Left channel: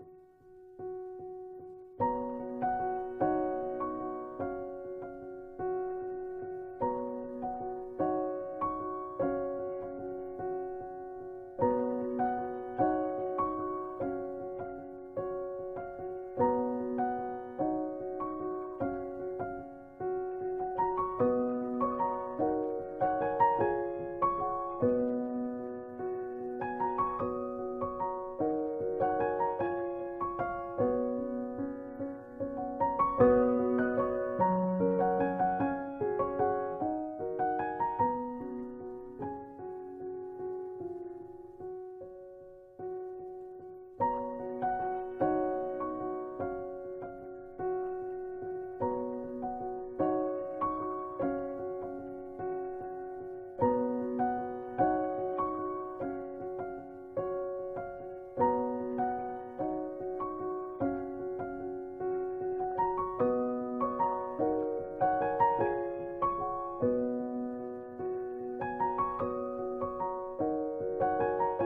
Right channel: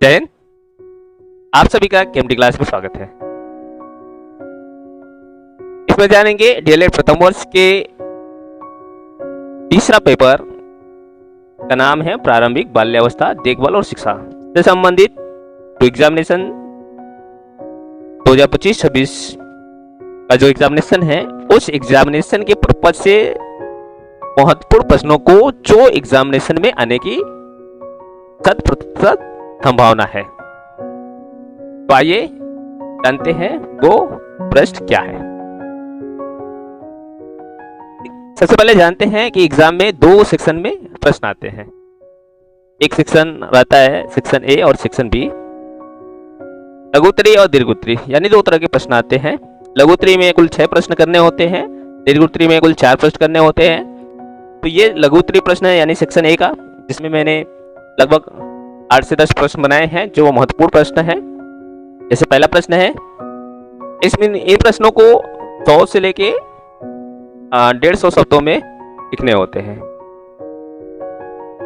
जय हिंद। आप सभी का केएमडी क्लास में स्वागत है। इसमें जानेंगे डीएलएड प्रथम वर्ष के तीसरा पेपर का नाम है प्रारंभिक बाल्यावस्था देखभाल और शिक्षा से संबंधित जो एग्जामिनेशन 2025-26 का जो एग्जामिनेशन है, उस एग्जामिनेशन के पर्पज से महत्वपूर्ण प्रश्नों को जो एग्जामिनेशन में आने की 100% संभावना है। तो आइए जानते हैं वो प्रश्न क्या है। सबसे पहले जानते हैं कि एग्जाम में दो सेक्शन में प्रश्न आते हैं। एक सेक्शन रहता है सेक्शन ए और सेक्शन बी। लघुत्तरी और दीर्घोत्तरी यानी दो तरह के प्रश्न आते हैं। लघुत्तरी में कुल 6 प्रश्न करने होते हैं, दीर्घोत्तरी में कुल 4 प्रश्न करने होते हैं। तो ये लघुत्तरी प्रश्न है यानी सेक्शन ए का, जिसमें मैंने लगभग 8 से 10 प्रश्न बनाए हैं जो महत्वपूर्ण प्रश्न है। जैसे पहला प्रश्न है, इसमें इन प्रश्नों को 100 से लेके 150 शब्दों में लिखने होते हैं।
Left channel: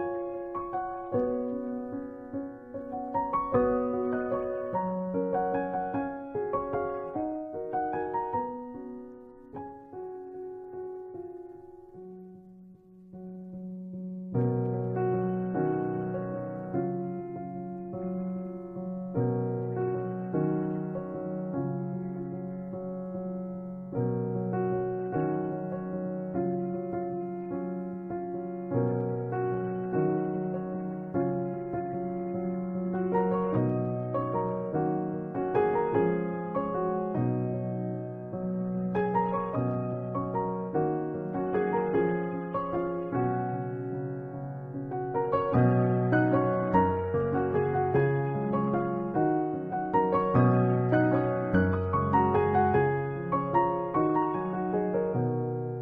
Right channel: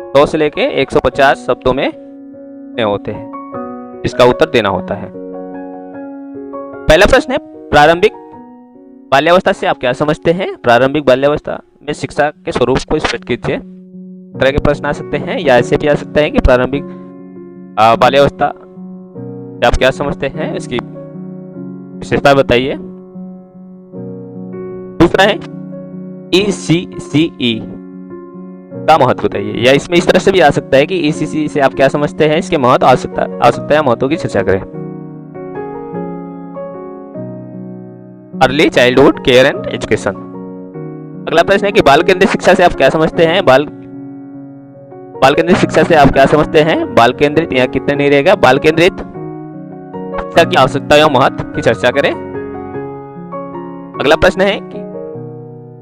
100 से लेके 150 शब्दों में लिखने होते हैं, इसका उत्तर देना होता है। पहला प्रश्न है, प्रारंभिक बाल्यावस्था से आप क्या समझते हैं? प्रारंभिक बाल्यावस्था में शिक्षा के स्वरूप को स्पष्ट कीजिए। तरह के प्रश्न आ सकते हैं या ऐसे भी आ सकते हैं कि प्रारंभिक बाल्यावस्था आप क्या समझते हैं, इसकी विशेषता बताइए। दूसरा है ECCE का महत्व बताइए, या इसमें इस तरह से भी आ सकता है कि ECCE से आप क्या समझते हैं, इसके महत्व आवश्यकता है महत्व की चर्चा करें। Early childhood care and education. अगला प्रश्न है कि बाल केंद्रित शिक्षा से आप क्या समझते हैं? बाल केंद्रित शिक्षा से आप क्या समझते हैं? बाल केंद्रित यहाँ कितने नहीं रहेगा, बाल केंद्रित शिक्षा की आवश्यकता या महत्व की चर्चा करें। अगला प्रश्न है कि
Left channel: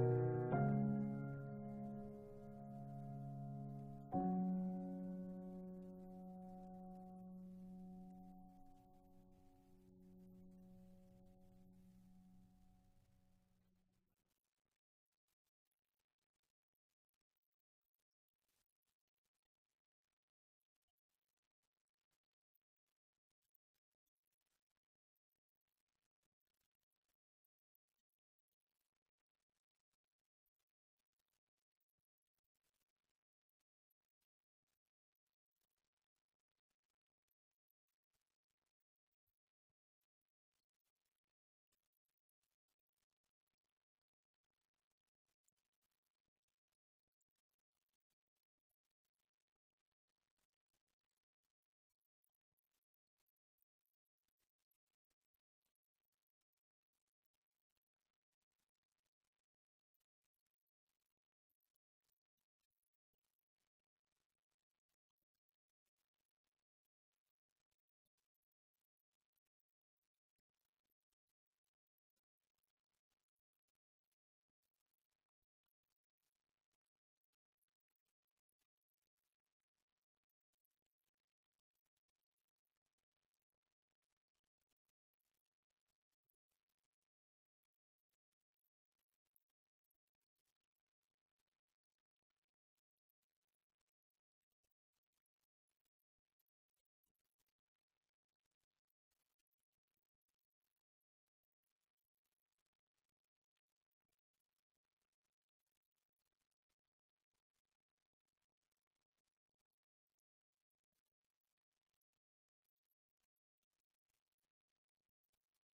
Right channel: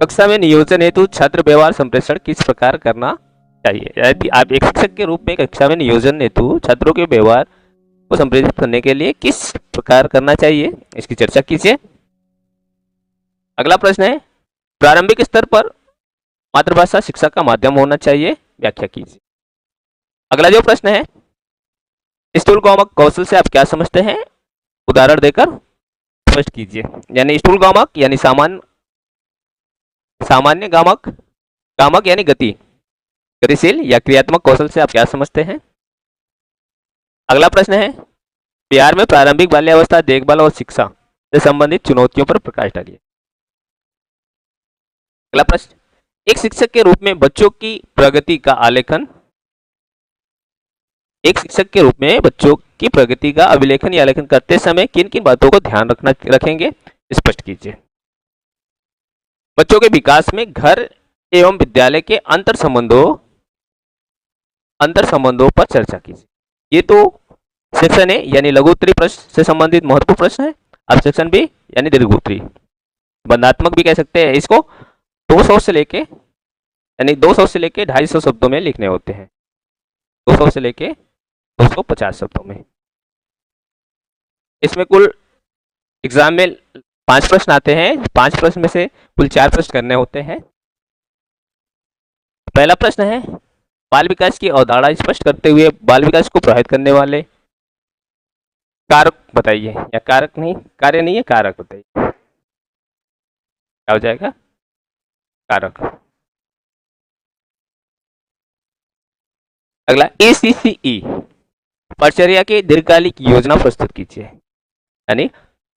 कक्षा में नियोजन हेतु छात्र व्यवहार संप्रेषण किस प्रकार करना चाहिए? यदि आप एक शिक्षक के रूप में कक्षा में नियोजन हेतु छात्रों के व्यवहार को संप्रेषित करने के लिए किस प्रकार करना चाहिए, इसकी चर्चा कीजिए। अगला प्रश्न है, प्रारंभिक स्तर पर मातृभाषा शिक्षा का माध्यम होना चाहिए, व्याख्या कीजिए। अगला जो प्रश्न है, स्थूलगामक कौशल से आप क्या समझते हैं, उदाहरण देकर स्पष्ट कीजिए। यानी स्थूलगामक यानी सामान्य गामक यानी गतिशील या क्रियात्मक कौशल से आप क्या समझते हैं। अगला प्रश्न है, बिहार में प्रारंभिक बाल्यावस्था देखभाल और शिक्षा से संबंधित चुनौतियों पर प्रकाश डालिए। अगला प्रश्न, एक शिक्षक के रूप में बच्चों की प्रगति का आलेखन, एक शिक्षक के रूप में बच्चों की प्रगति का अभिलेखन या आलेखन करते समय किन किन बातों को ध्यान रखेंगे, स्पष्ट कीजिए। बच्चों के विकास में घर एवं विद्यालय के अंतर संबंधों पर चर्चा कीजिए। ये तो सेक्शन ए यानी लघुत्तरी प्रश्न से संबंधित महत्वपूर्ण प्रश्न है। अब सेक्शन बी यानी दीर्घोत्तरी, बंधात्मक भी कह सकते हैं इसको, 200 से लेके 250 शब्दों में लिखने होते हैं। 200 से लेके 250 शब्दों में। इसमें कुल एग्जाम में 5 प्रश्न आते हैं। 5 प्रश्न में से कुल 4 प्रश्न करने होते हैं। पहला प्रश्न है, बाल विकास की अवधारणा स्पष्ट करते हुए बाल विकास को प्रभावित करने वाले कारक बताइए, या कार्य नहीं है, कारक बताइए। क्या हो जाएगा? कारक। अगला ECCE, परिचर्या की दीर्घकालिक योजना प्रस्तुत कीजिए। यानी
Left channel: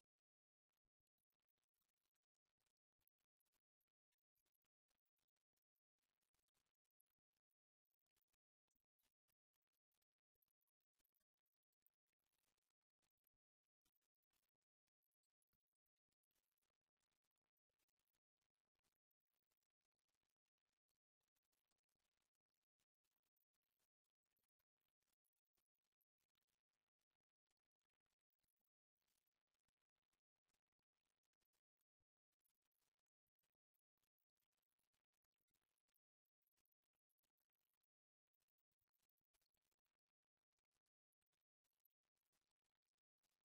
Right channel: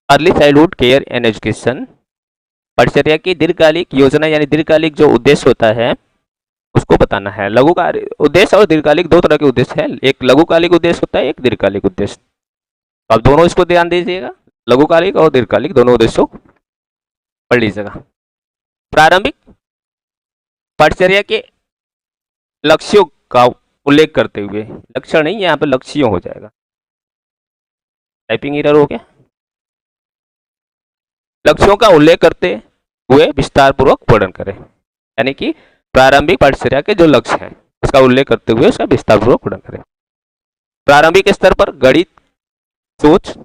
early childhood care and education, परिचर्या की दीर्घकालिक योजना यानी दीर्घकालिक जो उद्देश्य होता है उसको बताना है। लघुकालिक उद्देश्य और दीर्घकालिक दो तरह के उद्देश्य है, एक लघुकालिक उद्देश्य होता है, एक दीर्घकालिक उद्देश्य। अब दोनों इसको ध्यान दीजिएगा, लघुकालिक और दीर्घकालिक दोनों उद्देश्यों पढ़ लीजिएगा। प्रारंभिक परिचर्या के लक्ष्यों का उल्लेख करते हुए, लक्षण नहीं यहाँ पे लक्ष्यों हो जाएगा, टाइपिंग एरर हो गया। लक्ष्यों का उल्लेख करते हुए विस्तार पूर्वक वर्णन करें। यानी कि प्रारंभिक परिचर्या के जो लक्ष्य हैं उसका उल्लेख करते हुए उसका विस्तार पूर्वक वर्णन करें। प्रारंभिक स्तर पर गणित, सोच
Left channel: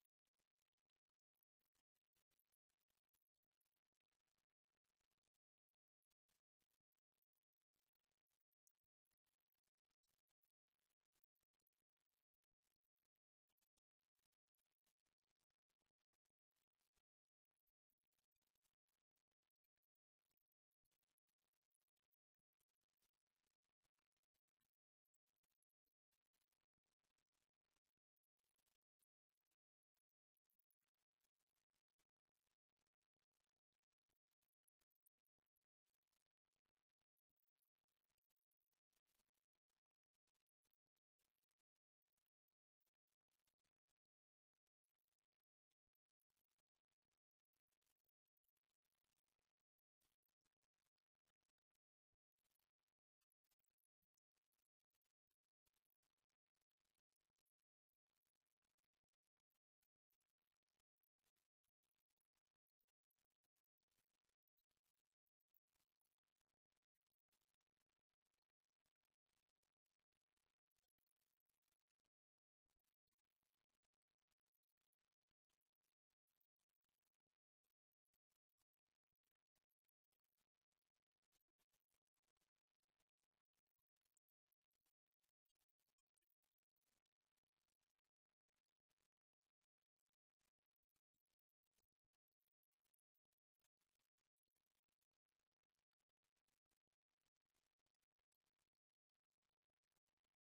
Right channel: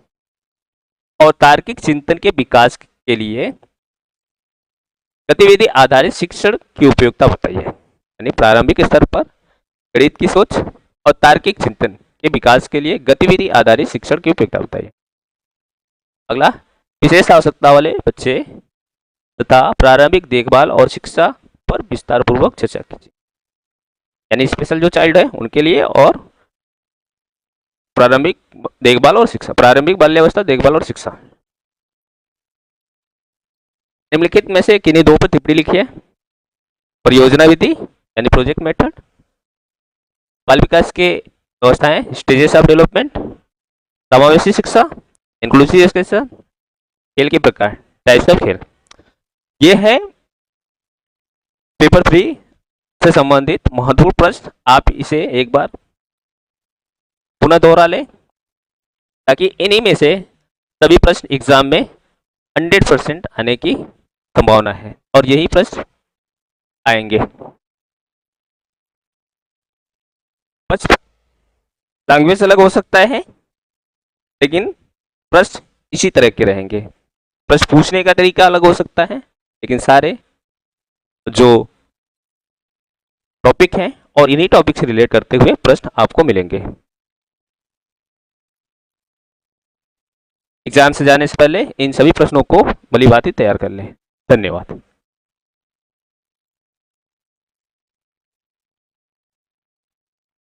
और तार्किक चिंतन के विकास के लिए गतिविधि आधारित शिक्षण की उपयोगिता बताइए। यानी प्रारंभिक स्तर पर गणित की सोच और तार्किक चिंतन के विकास के लिए गतिविधि आधारित शिक्षण की उपयोगिता बताइए। अगला, विशेष आवश्यकता वाले बच्चे तथा प्रारंभिक देखभाल और शिक्षा पर विस्तार पूर्वक चर्चा कीजिए। यानी स्पेशल जो चाइल्ड है उनके लिए और प्रारंभिक देखभाल और शिक्षा, प्रारंभिक बाल्यावस्था देखभाल और शिक्षा। निम्नलिखित में से किन्हीं दो पर टिप्पणी लिखिए। परियोजना विधि यानी प्रोजेक्ट मेथड, बाल विकास के व्यवस्थाएं स्टेजेस ऑफ डेवलपमेंट, समावेशी शिक्षा इंक्लूसिव एजुकेशन, खेल के प्रकार टाइप्स ऑफ खेल। ये है पेपर 3 से संबंधित महत्वपूर्ण प्रश्न। आप इसे एक बार पुनः दोहरा लें ताकि इन्हीं में से सभी प्रश्न एग्जाम में 100% आने की संभावना है और यही प्रश्न आएंगे। लैंग्वेज अलग हो सकता है लेकिन प्रश्न इसी तरह के रहेंगे। प्रश्न पूछने का तरीका अलग हो सकता है लेकिन सारे जो टॉपिक हैं और इन्हीं टॉपिक से रिलेट करते हुए प्रश्न आपको मिलेंगे। एग्जाम से जाने से पहले इन सभी प्रश्नों को भली भांति तैयार कर लें। धन्यवाद।